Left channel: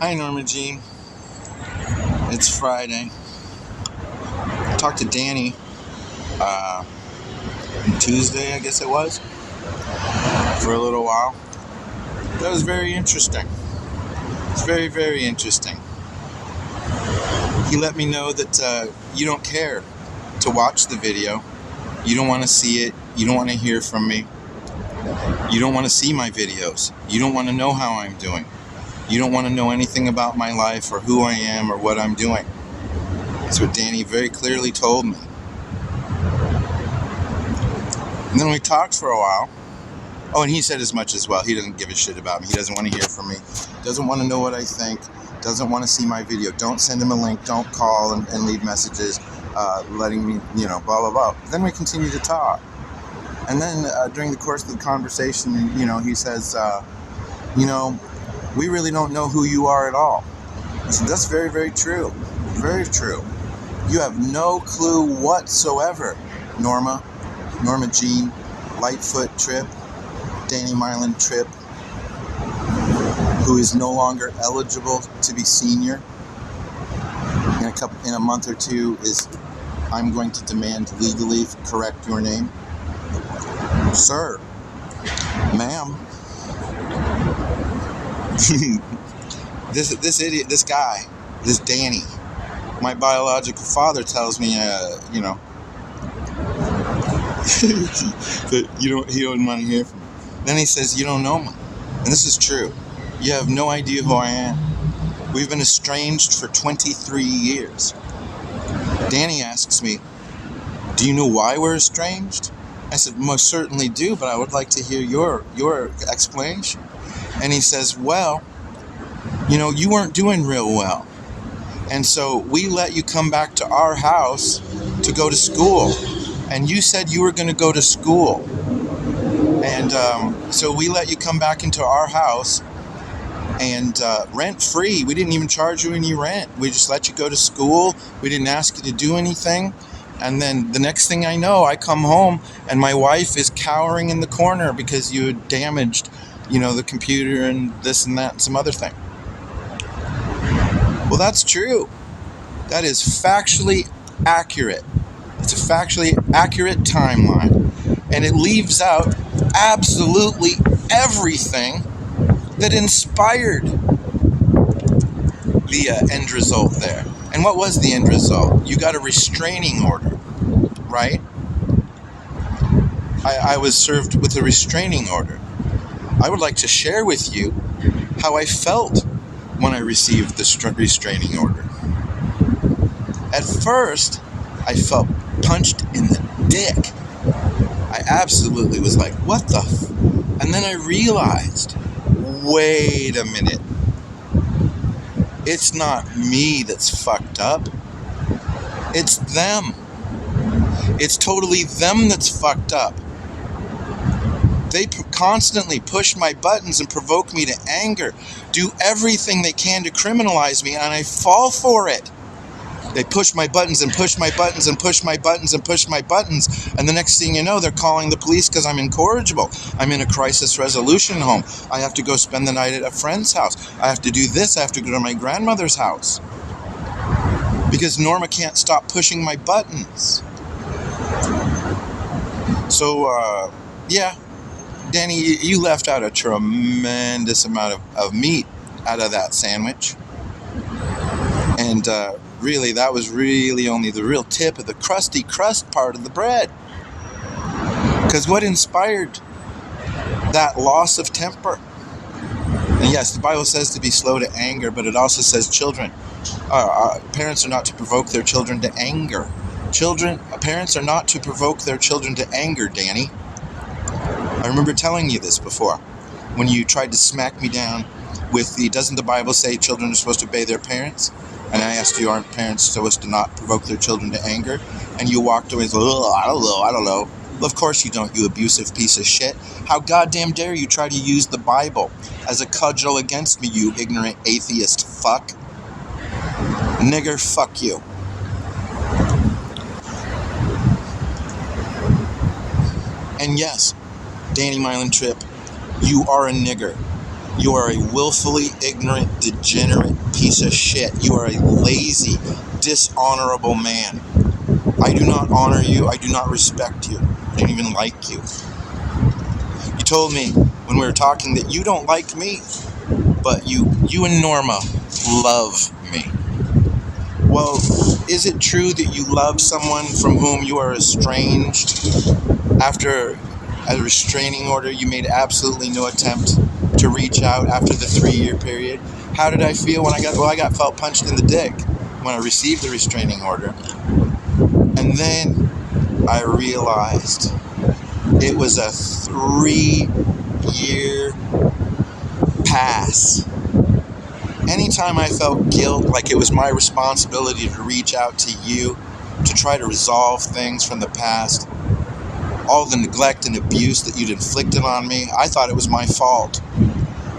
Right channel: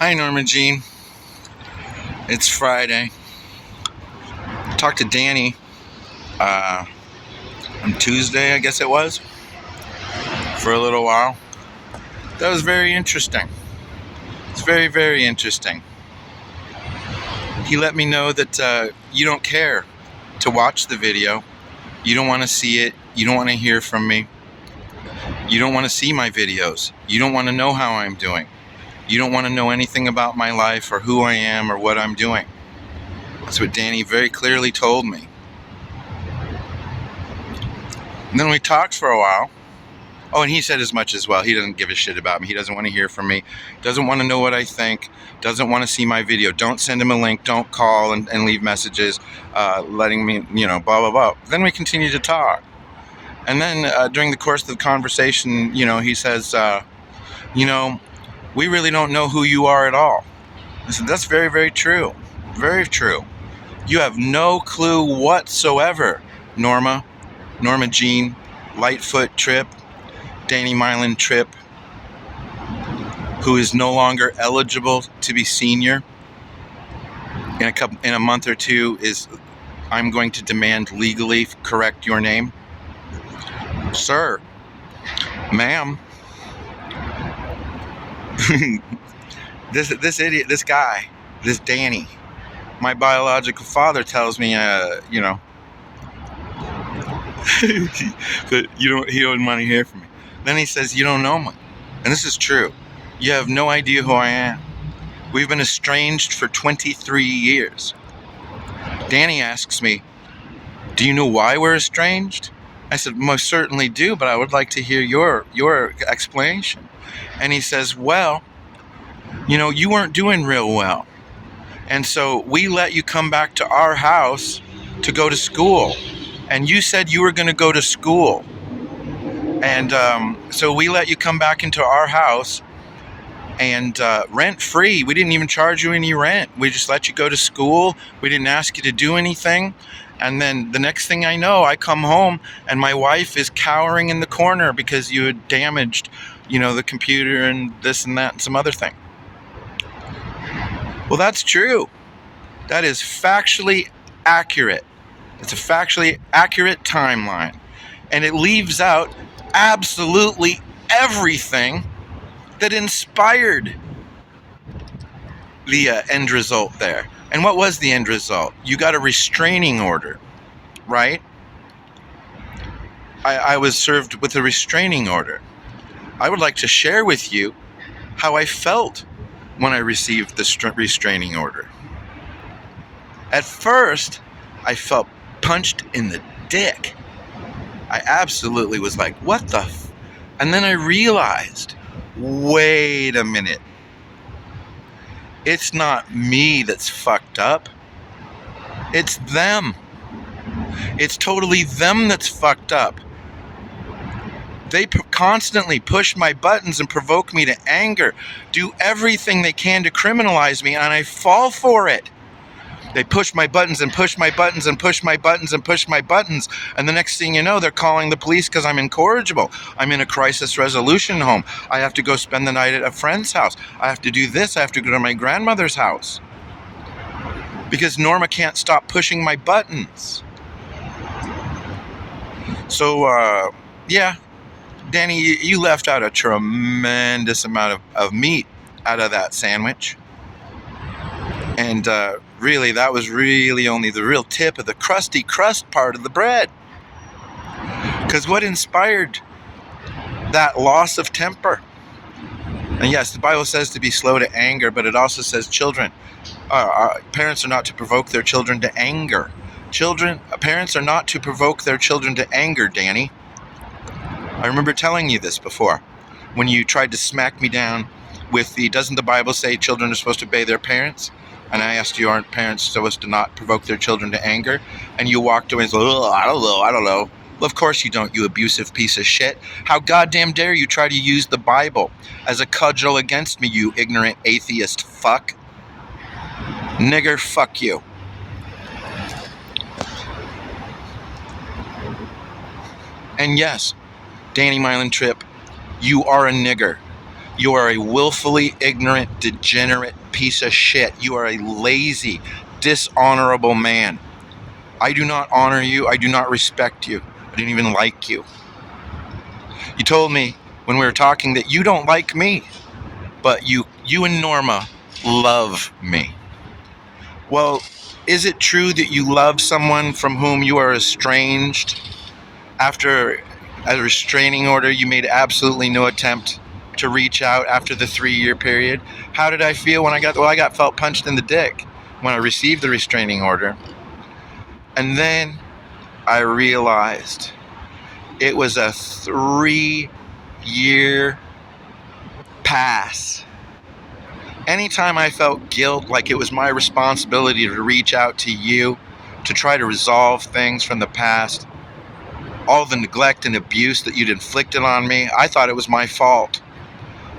Hi, Norma Jean. It's Friday. I talked to Danny on Tuesday, I guess it was, for a little while. That was very interesting. It's very, very interesting. He let me know that you don't care to watch the video. You don't want to see it. You don't want to hear from me. You don't want to see my videos. You don't want to know how I'm doing. You don't want to know anything about my life or who I am or what I'm doing. That's what Danny very clearly told me. And then we talked for a while. Oh, and he said as much as well. He doesn't give a shit about me. He doesn't want to hear from me. Doesn't want to know what I think. Doesn't want to see my video. Don't send him a link. Don't call and leave messages letting me, blah, blah, blah. Then we continue to talk. And then during the course of the conversation, he says, we really don't know who you are at all. I said, that's very, very true. Very true. You have no clue whatsoever, Norma Jean Lightfoot Tripp, Danny Mylan Tripp, who is no longer eligible to be senior. In a month or two, I'm going to demand legally correct your name. Sir, ma'am, this idiot, this guy, this Danny, my biological father tells me, that he don't want to hear from me. Then he says, you don't know me. And this is true. You have no idea who I am. We've been estranged for 23 years. Danny asks me, do you know why we're estranged? I said, most certainly do, but I would like to hear your explanation. And he says, well, you weren't doing real well. And so we let you come back to our house to go to school. And you said you were going to go to school. And so we let you come back into our house and rent free. We didn't even charge you any rent. We just let you go to school. We didn't ask you to do anything. And then the next thing I know, I come home and my wife is cowering in the corner because you had damaged, the computer and this and that and some other thing. Well, that's true. That is factually accurate. It's a factually accurate timeline. And it leaves out absolutely everything that inspired the end result there. And what was the end result? You got a restraining order, right? I was served with a restraining order. I would like to share with you how I felt when I received the restraining order. At first, I felt punched in the dick. I absolutely was like, what the f-? And then I realized, wait a minute. It's not me that's fucked up. It's them. It's totally them that's fucked up. They constantly push my buttons and provoke me to anger, do everything they can to criminalize me, and I fall for it. They push my buttons and push my buttons and push my buttons and push my buttons, and the next thing you know, they're calling the police because I'm incorrigible. I'm in a crisis resolution home. I have to go spend the night at a friend's house. I have to do this. I have to go to my grandmother's house because Norma can't stop pushing my buttons. So, Danny, you left out a tremendous amount of meat out of that sandwich. And really, that was really only the real tip of the crusty crust part of the bread. Because what inspired that loss of temper? And yes, the Bible says to be slow to anger, but it also says parents are not to provoke their children to anger. Parents are not to provoke their children to anger, Danny. I remember telling you this before, when you tried to smack me down with doesn't the Bible say children are supposed to obey their parents? And I asked you, aren't parents supposed to not provoke their children to anger? And you walked away and said, I don't know. Well, of course you don't, you abusive piece of shit. How goddamn dare you try to use the Bible as a cudgel against me, you ignorant atheist fuck. Nigger, fuck you. And yes, Danny Mylan Tripp, you are a nigger. You are a willfully ignorant, degenerate piece of shit. You are a lazy, dishonorable man. I do not honor you. I do not respect you. I don't even like you. You told me when we were talking that you don't like me, but you and Norma love me. Well, is it true that you love someone from whom you are estranged? After a restraining order, you made absolutely no attempt to reach out after the 3-year period. How did I feel when I got felt punched in the dick when I received the restraining order. And then I realized it was a 3-year pass. Anytime I felt guilt, like it was my responsibility to reach out to you to try to resolve things from the past, all the neglect and abuse that you'd inflicted on me, I thought it was my fault.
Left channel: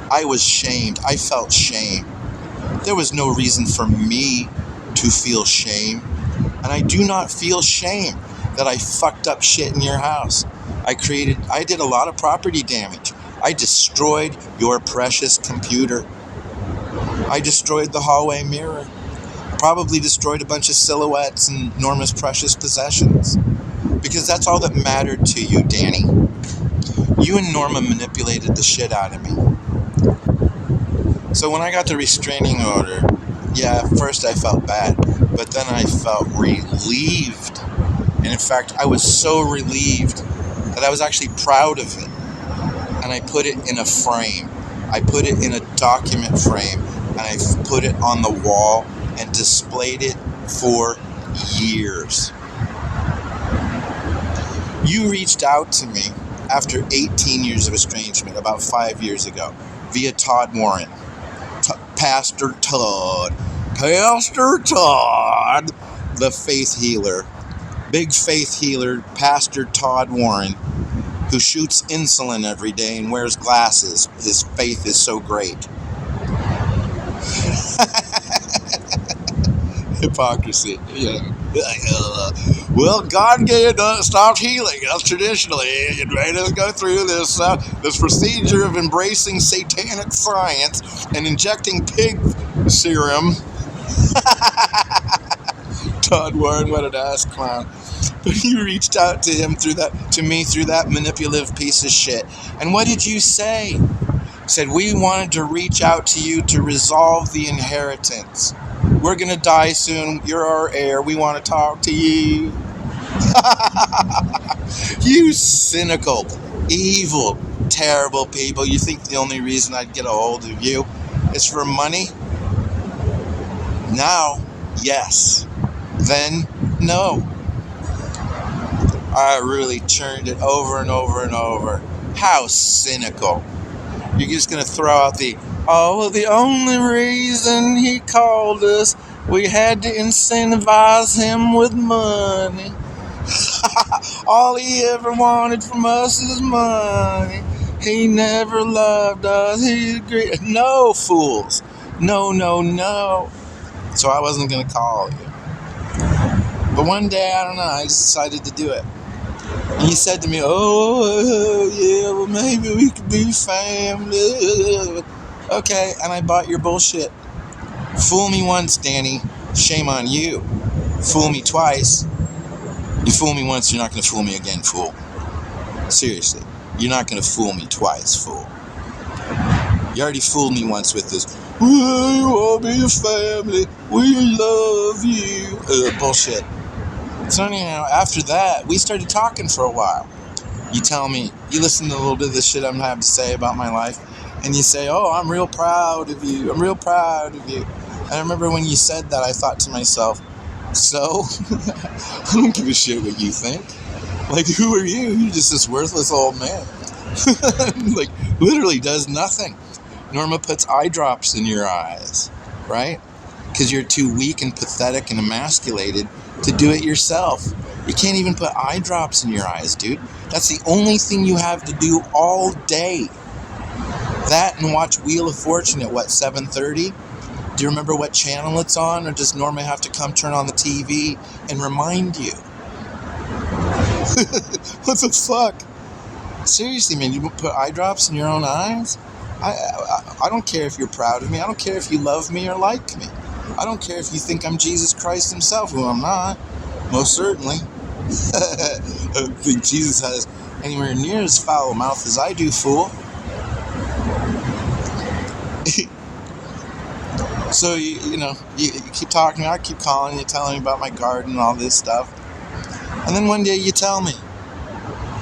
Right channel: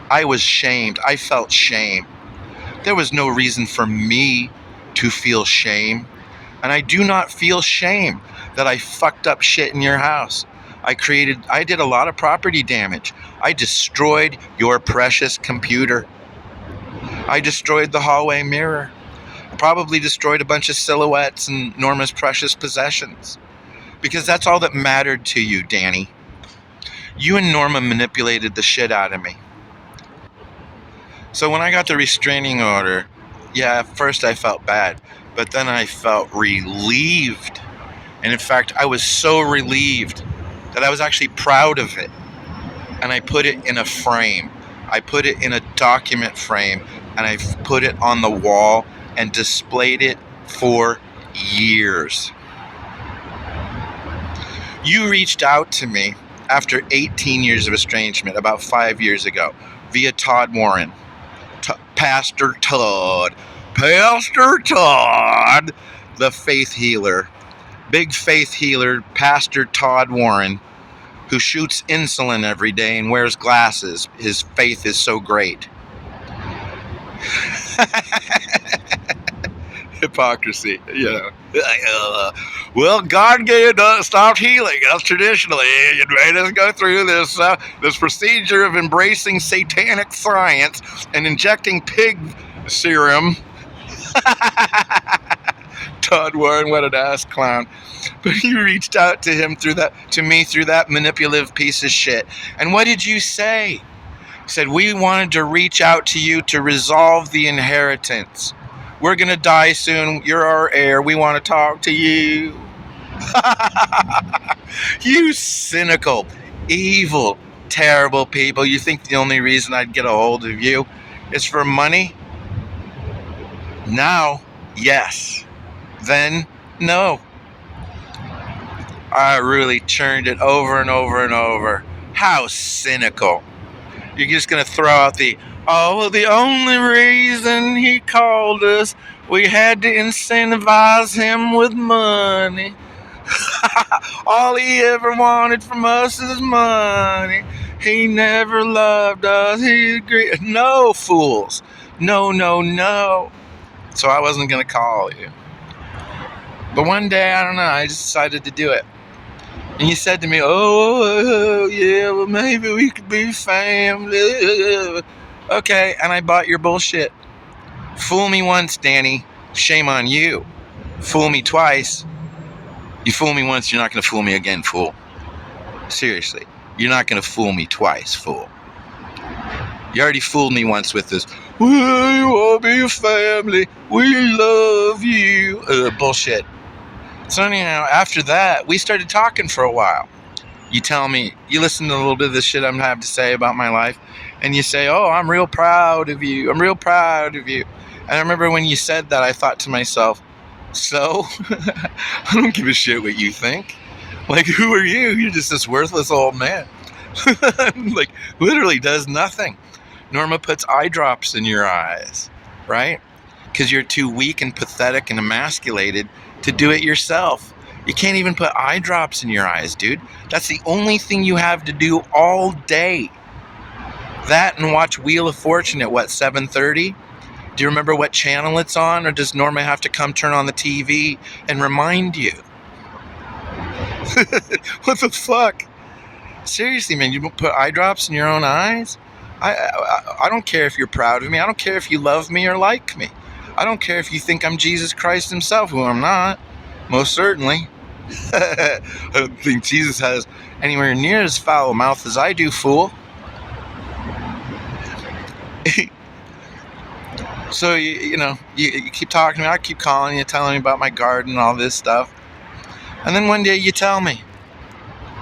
I was shamed. I felt shame. There was no reason for me to feel shame. And I do not feel shame that I fucked up shit in your house. I did a lot of property damage. I destroyed your precious computer. I destroyed the hallway mirror. Probably destroyed a bunch of silhouettes and Norma's precious possessions. Because that's all that mattered to you, Danny. You and Norma manipulated the shit out of me. So when I got the restraining order, yeah, at first I felt bad, but then I felt relieved. And in fact, I was so relieved that I was actually proud of it. And I put it in a frame. I put it in a document frame, and I put it on the wall and displayed it for years. You reached out to me after 18 years of estrangement about 5 years ago via Todd Warren. Pastor Todd, the faith healer, big faith healer, Pastor Todd Warren, who shoots insulin every day and wears glasses. His faith is so great. Hypocrisy, you know. Well, God stopped healing us traditionally. You made us go through this procedure of embracing satanic science and injecting pig serum. Todd Warren, what an ass clown. But you reached out to me through that manipulative piece of shit. And what did you say? You said, we wanted to reach out to you to resolve the inheritance. We're going to die soon. You're our heir. We want to talk to you. You cynical, evil, terrible people. You think the only reason I'd get a hold of you is for money? Now, yes. Then, no. I really churned it over and over and over. How cynical. You're just going to throw out the only reason he called us, we had to incentivize him with money. All he ever wanted from us is money. He never loved us. He agreed. No, fools. No. So I wasn't going to call you. But one day, I don't know, I just decided to do it. And you said to me, yeah, well, maybe we could be family. Okay, and I bought your bullshit. Fool me once, Danny. Shame on you. Fool me twice. You fool me once, you're not going to fool me again, fool. Seriously, you're not going to fool me twice, fool. You already fooled me once with this, we want to be a family, we love you, bullshit. So anyhow, after that, we started talking for a while. You tell me, you listen to a little bit of the shit I'm having to say about my life, and you say, I'm real proud of you. I'm real proud of you. And I remember when you said that, I thought to myself, so? I don't give a shit what you think. Like, who are you? You're just this worthless old man. Like, literally does nothing. Norma puts eye drops in your eyes, right? Because you're too weak and pathetic and emasculated to do it yourself. You can't even put eye drops in your eyes, dude. That's the only thing you have to do all day. That and watch Wheel of Fortune at 7:30? Do you remember what channel it's on? Or does Norma have to come turn on the TV and remind you? What the fuck? Seriously, man, you put eye drops in your own eyes? I don't care if you're proud of me. I don't care if you love me or like me. I don't care if you think I'm Jesus Christ himself, who I'm not. Most certainly. I don't think Jesus has anywhere near as foul a mouth as I do, fool. So, you keep talking to me. I keep calling you, telling me about my garden and all this stuff. And then one day you tell me,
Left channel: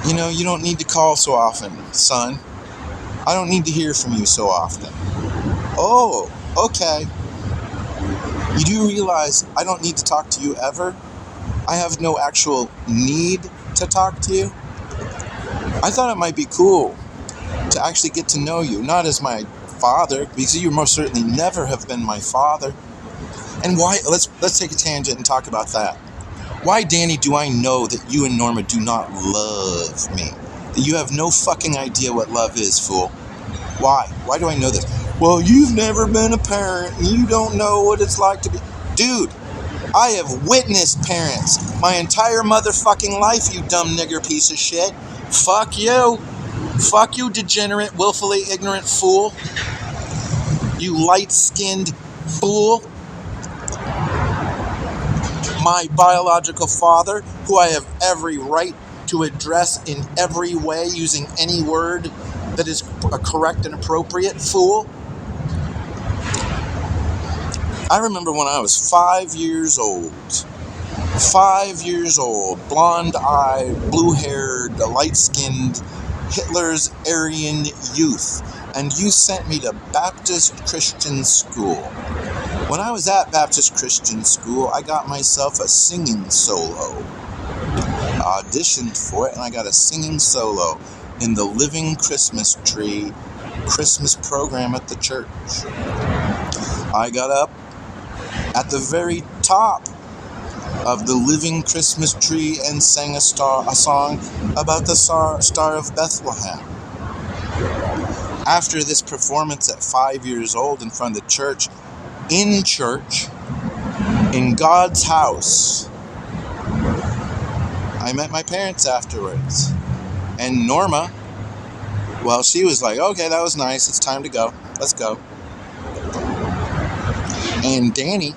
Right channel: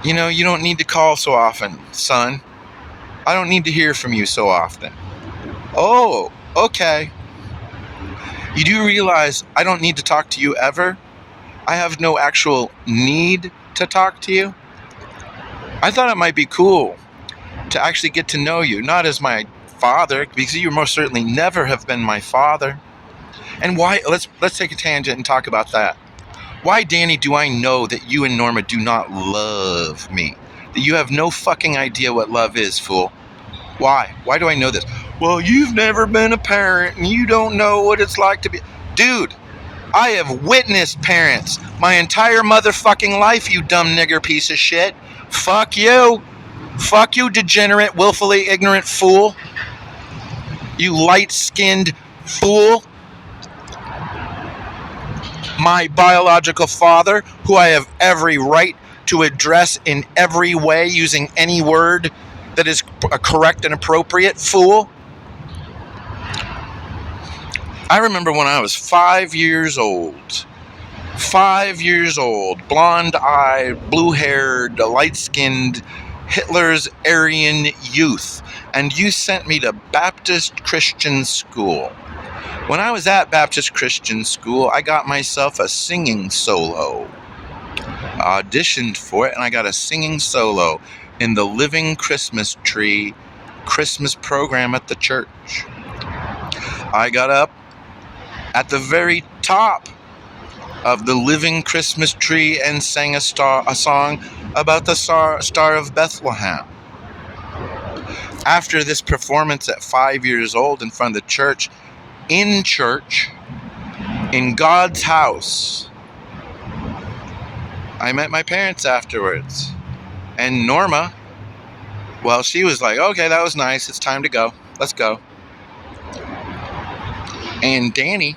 you don't need to call so often, son. I don't need to hear from you so often. Oh, okay. You do realize I don't need to talk to you ever? I have no actual need to talk to you? I thought it might be cool to actually get to know you, not as my father, because you most certainly never have been my father. And why, let's take a tangent and talk about that. Why, Danny, do I know that you and Norma do not love me? That you have no fucking idea what love is, fool? Why? Why do I know this? Well, you've never been a parent and you don't know what it's like to be... Dude, I have witnessed parents my entire motherfucking life, you dumb nigger piece of shit. Fuck you. Fuck you, degenerate, willfully ignorant fool. You light-skinned fool. My biological father, who I have every right to address in every way using any word that is correct and appropriate, fool. I remember when I was 5 years old. 5 years old, blonde-eyed, blue-haired, light-skinned, Hitler's Aryan youth, and you sent me to Baptist Christian school. When I was at Baptist Christian school, I got myself a singing solo. I auditioned for it, and I got a singing solo in the Living Christmas Tree Christmas program at the church. I got up at the very top of the Living Christmas Tree and sang a song about the Star of Bethlehem. After this performance at 5 years old in front of the church, in God's house, I met my parents afterwards. And Norma, well, she was like, okay, that was nice. It's time to go. Let's go. And Danny,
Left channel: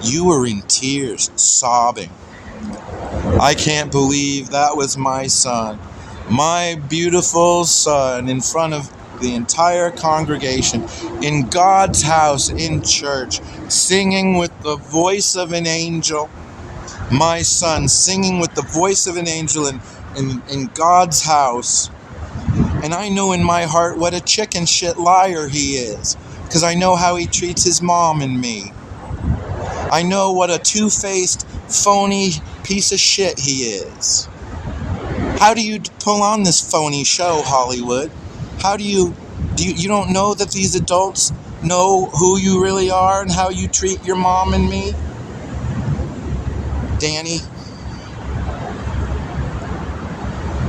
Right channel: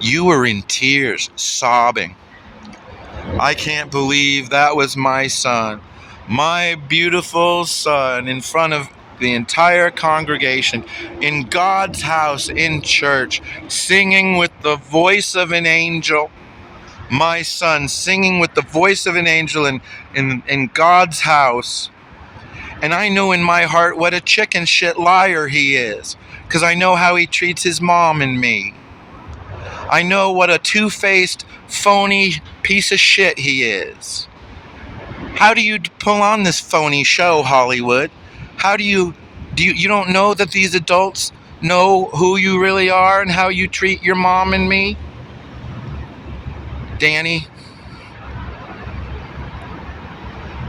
you were in tears, sobbing. I can't believe that was my son, my beautiful son, in front of the entire congregation, in God's house, in church, singing with the voice of an angel. My son singing with the voice of an angel in God's house. And I know in my heart what a chicken shit liar he is, because I know how he treats his mom and me. I know what a two-faced, phony piece of shit he is. How do you pull on this phony show, Hollywood? How do you don't know that these adults know who you really are and how you treat your mom and me? Danny,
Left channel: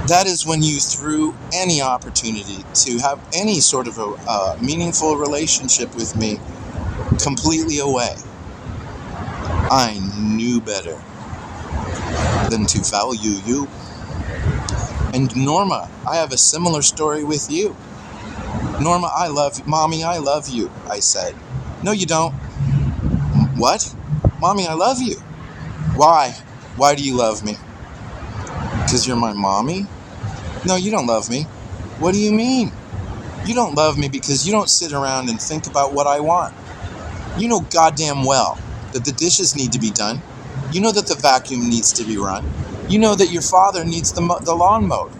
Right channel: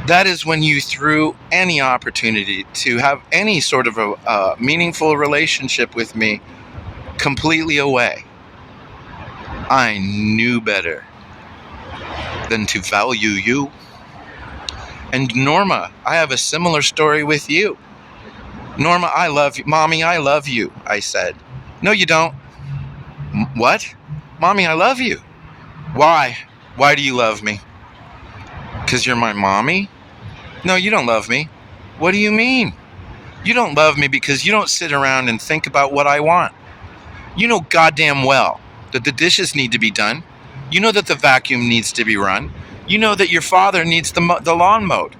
that is when you threw any opportunity to have any sort of a meaningful relationship with me completely away. I knew better than to value you. And Norma, I have a similar story with you. Norma, I love you. Mommy, I love you, I said. No, you don't. What? Mommy, I love you. Why? Why do you love me? Because you're my mommy? No, you don't love me. What do you mean? You don't love me because you don't sit around and think about what I want. You know goddamn well that the dishes need to be done. You know that the vacuum needs to be run. You know that your father needs the lawn mowed.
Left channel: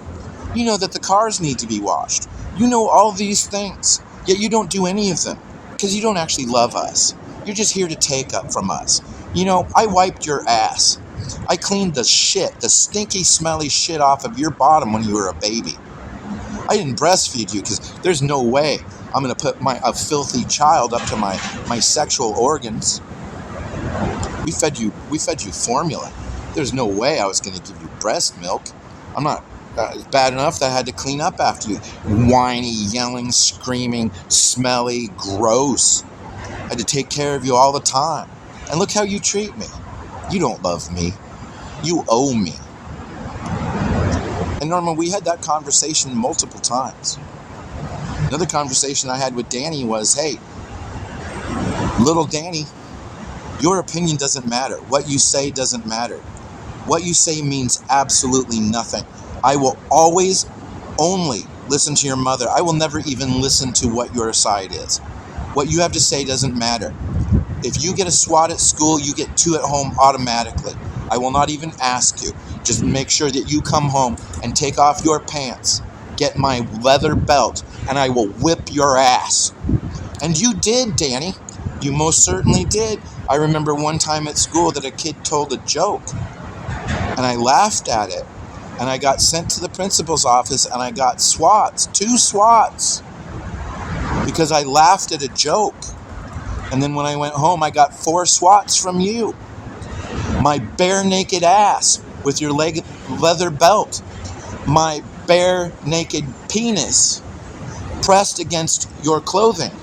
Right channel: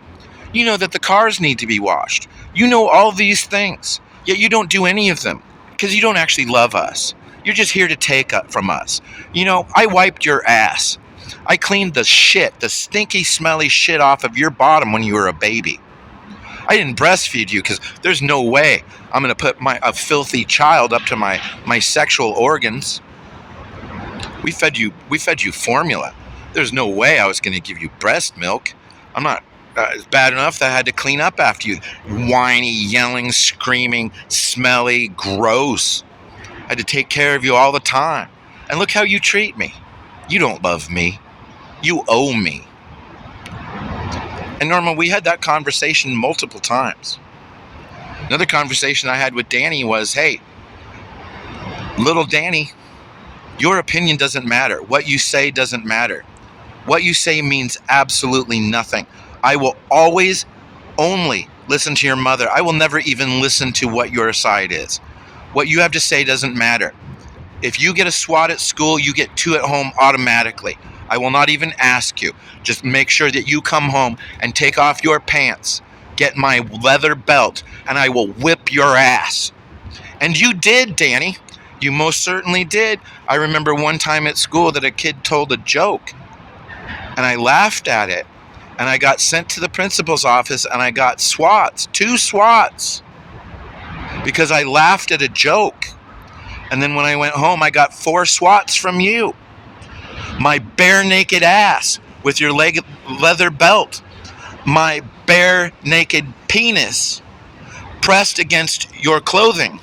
You know that the cars need to be washed. You know all these things, yet you don't do any of them because you don't actually love us. You're just here to take up from us. You know, I wiped your ass. I cleaned the stinky, smelly shit off of your bottom when you were a baby. I didn't breastfeed you because there's no way I'm going to put a filthy child up to my sexual organs. We fed you formula. There's no way I was going to give you breast milk. I'm not. It's bad enough that I had to clean up after you. Whiny, yelling, screaming, smelly, gross. I had to take care of you all the time. And look how you treat me. You don't love me. You owe me. And Norma, we had that conversation multiple times. Another conversation I had with Danny was, hey, little Danny, your opinion doesn't matter. What you say doesn't matter. What you say means absolutely nothing. I will always only listen to your mother. I will never even listen to what your side is. What you have to say doesn't matter. If you get a SWAT at school, you get 2 at home automatically. I will not even ask you. Just make sure that you come home and take off your pants, get my leather belt, and I will whip your ass. And you did, Danny. You most certainly did. I remember one time at school that a kid told a joke, and I laughed at it. And I got sent to the principal's office, and I got SWATs, 2 SWATs, because I laughed at a joke. And then when I went home, I got 4 SWATs from you. My bare naked ass with your leather belt. My bare naked penis pressed against your clothing,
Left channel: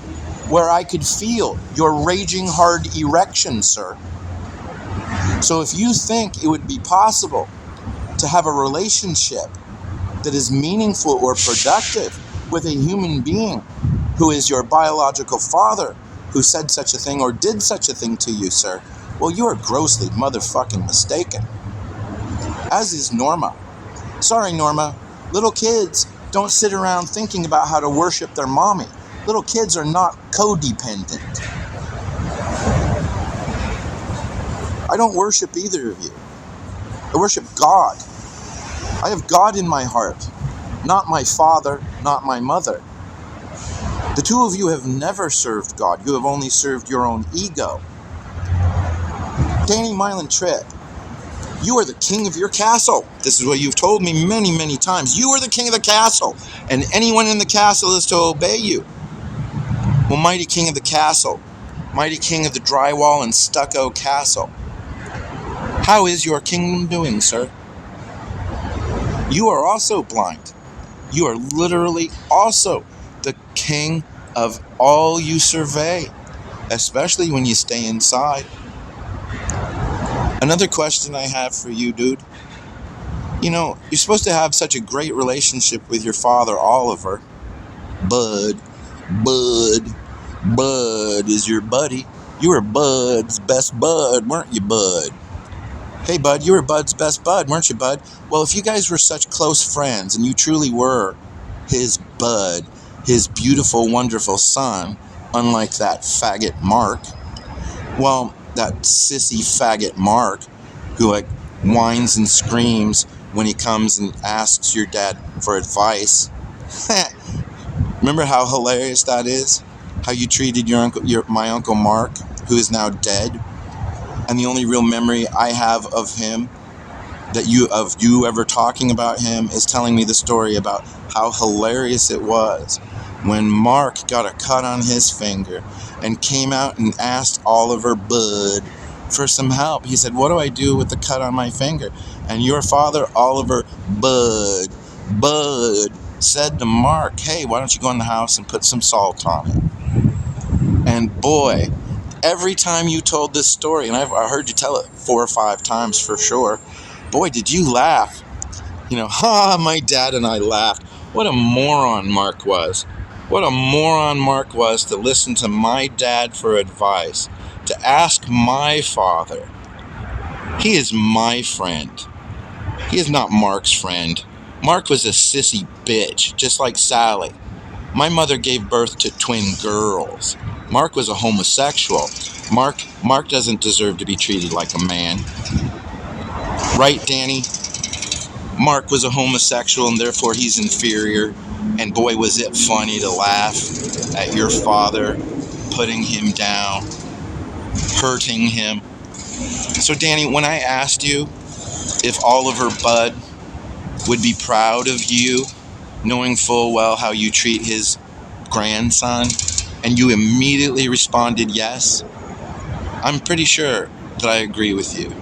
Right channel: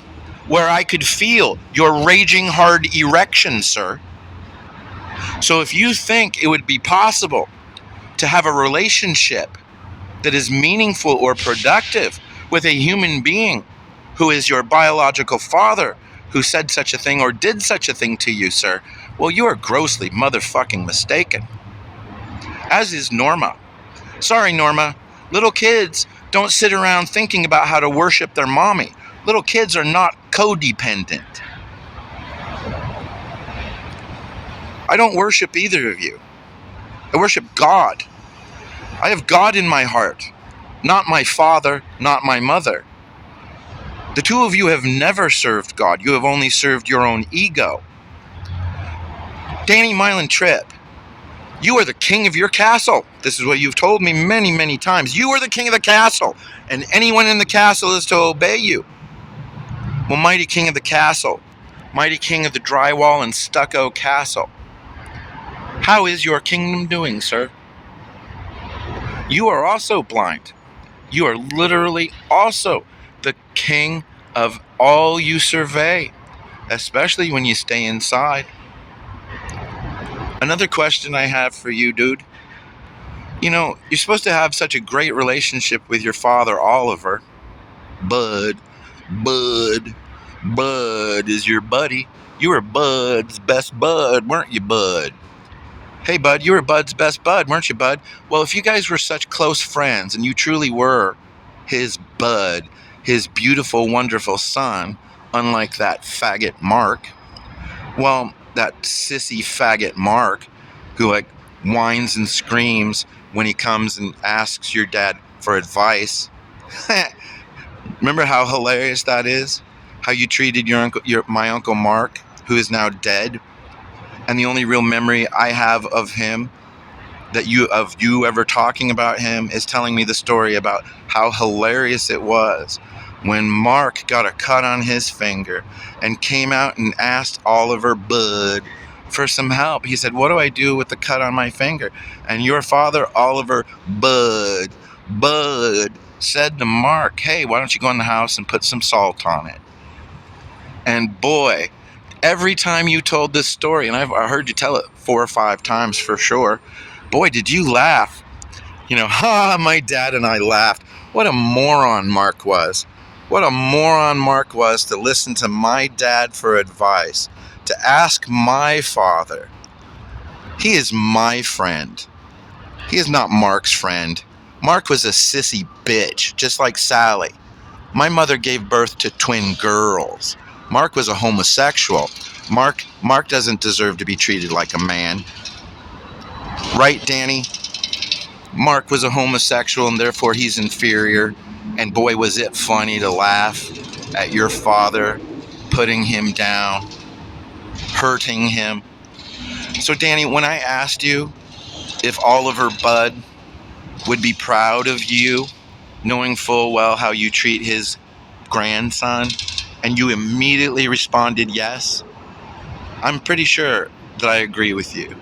where I could feel your raging hard erection, sir. So if you think it would be possible to have a relationship that is meaningful or productive with a human being who is your biological father, who said such a thing or did such a thing to you, sir, well, you are grossly motherfucking mistaken. As is Norma. Sorry, Norma. Little kids don't sit around thinking about how to worship their mommy. Little kids are not codependent. I don't worship either of you. I worship God. I have God in my heart, not my father, not my mother. The 2 of you have never served God. You have only served your own ego. Danny Mylan Tripp, you are the king of your castle. This is what you've told me many, many times. You are the king of the castle, and anyone in the castle is to obey you. Well, mighty king of the castle, mighty king of the drywall and stucco castle, how is your kingdom doing, sir? You are also blind. You are literally also the king of all you survey, especially when you stay inside. Another question I have for you, dude. You know, you're supposed to have such a great relationship with your father, Oliver. Bud is your buddy. You were Bud's best bud, weren't you, Bud? Hey, Bud, you were Bud's best bud, weren't you, Bud? Well, if you guys were such close friends and you truly were his Bud, his beautiful, wonderful son, unlike that faggot Mark, well, that sissy faggot Mark, who like whines and screams when he comes and asks your dad for advice. Remember how hilarious that is? How you treated my Uncle Mark, who is now dead? And the only real memory I have of him, of you ever talking about him, is telling me the story about how hilarious it was when Mark got a cut on his finger and came out and asked Oliver Bud for some help. He said, what do I do with the cut on my finger? And your father, Oliver Bud, said to Mark, hey, why don't you go in the house and put some salt on it? And boy, every time you told this story, and I heard you tell it 4 or 5 times for sure, boy, did you laugh. You know, my dad and I laughed. What a moron Mark was. What a moron Mark was to listen to my dad for advice, to ask my father. He is my friend. He is not Mark's friend. Mark was a sissy bitch, just like Sally. My mother gave birth to twin girls. Mark was a homosexual. Mark doesn't deserve to be treated like a man. Right, Danny? Mark was a homosexual and therefore he's inferior. And boy, was it funny to laugh at your father putting him down, hurting him. So Danny, when I asked you if Oliver Bud would be proud of you, knowing full well how you treat his grandson, and you immediately responded yes, I'm pretty sure that I agree with you.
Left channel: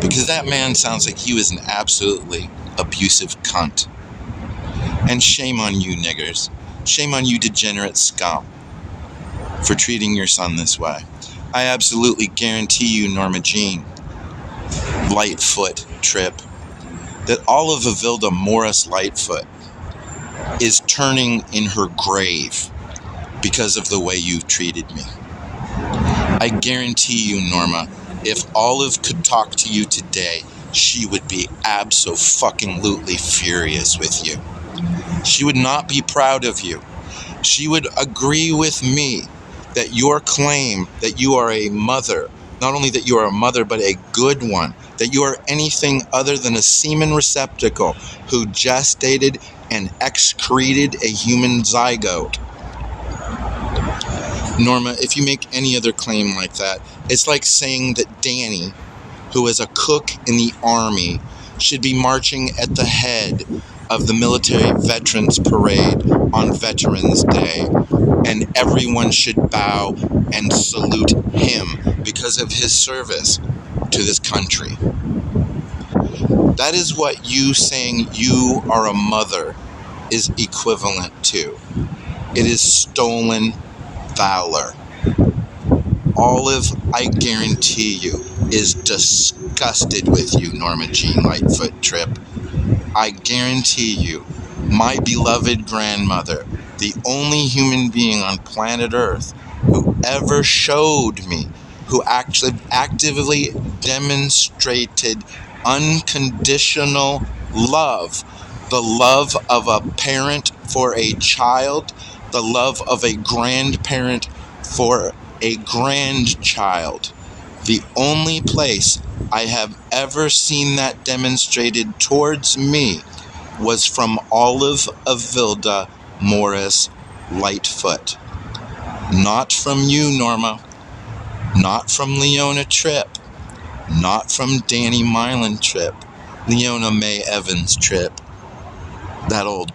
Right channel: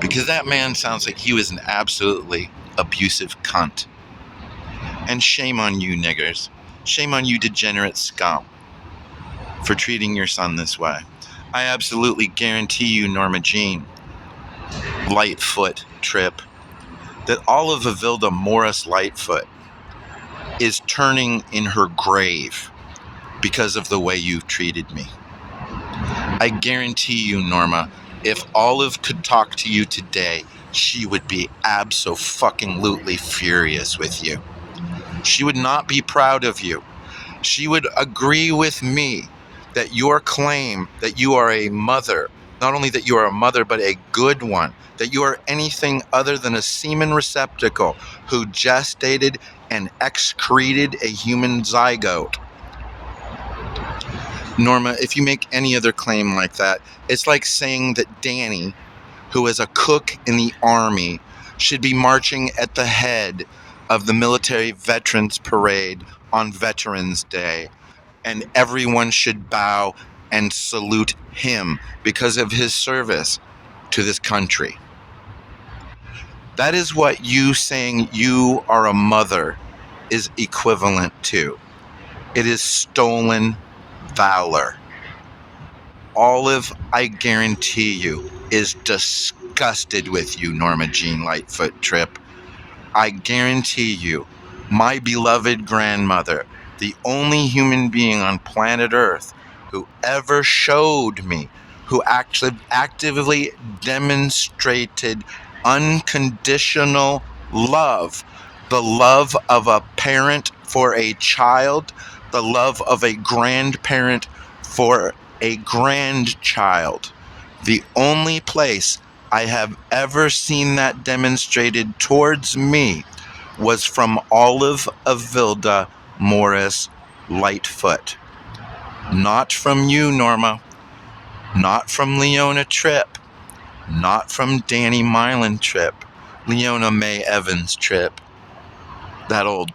Because that man sounds like he was an absolutely abusive cunt. And shame on you, niggers. Shame on you, degenerate scum, for treating your son this way. I absolutely guarantee you, Norma Jean Lightfoot Tripp, that all of Avilda Morris Lightfoot is turning in her grave because of the way you treated me. I guarantee you, Norma, if Olive could talk to you today, she would be abso-fucking-lutely furious with you. She would not be proud of you. She would agree with me that your claim that you are a mother, not only that you are a mother, but a good one, that you are anything other than a semen receptacle who gestated and excreted a human zygote. Norma, if you make any other claim like that, it's like saying that Danny, who is a cook in the Army, should be marching at the head of the military veterans parade on Veterans Day, and everyone should bow and salute him because of his service to this country. That is what you saying you are a mother is equivalent to. It is stolen valor. Olive, I guarantee you, is disgusted with you, Norma Jean Lightfoot Tripp. I guarantee you, my beloved grandmother, the only human being on planet Earth who ever showed me, who actually actively demonstrated unconditional love, the love of a parent for a child, the love of a grandparent for a grandchild. The only place I have ever seen that demonstrated towards me was from Olive Avilda Morris Lightfoot. Not from you, Norma. Not from Leona Tripp. Not from Danny Milan Tripp. Leona May Evans Tripp. That old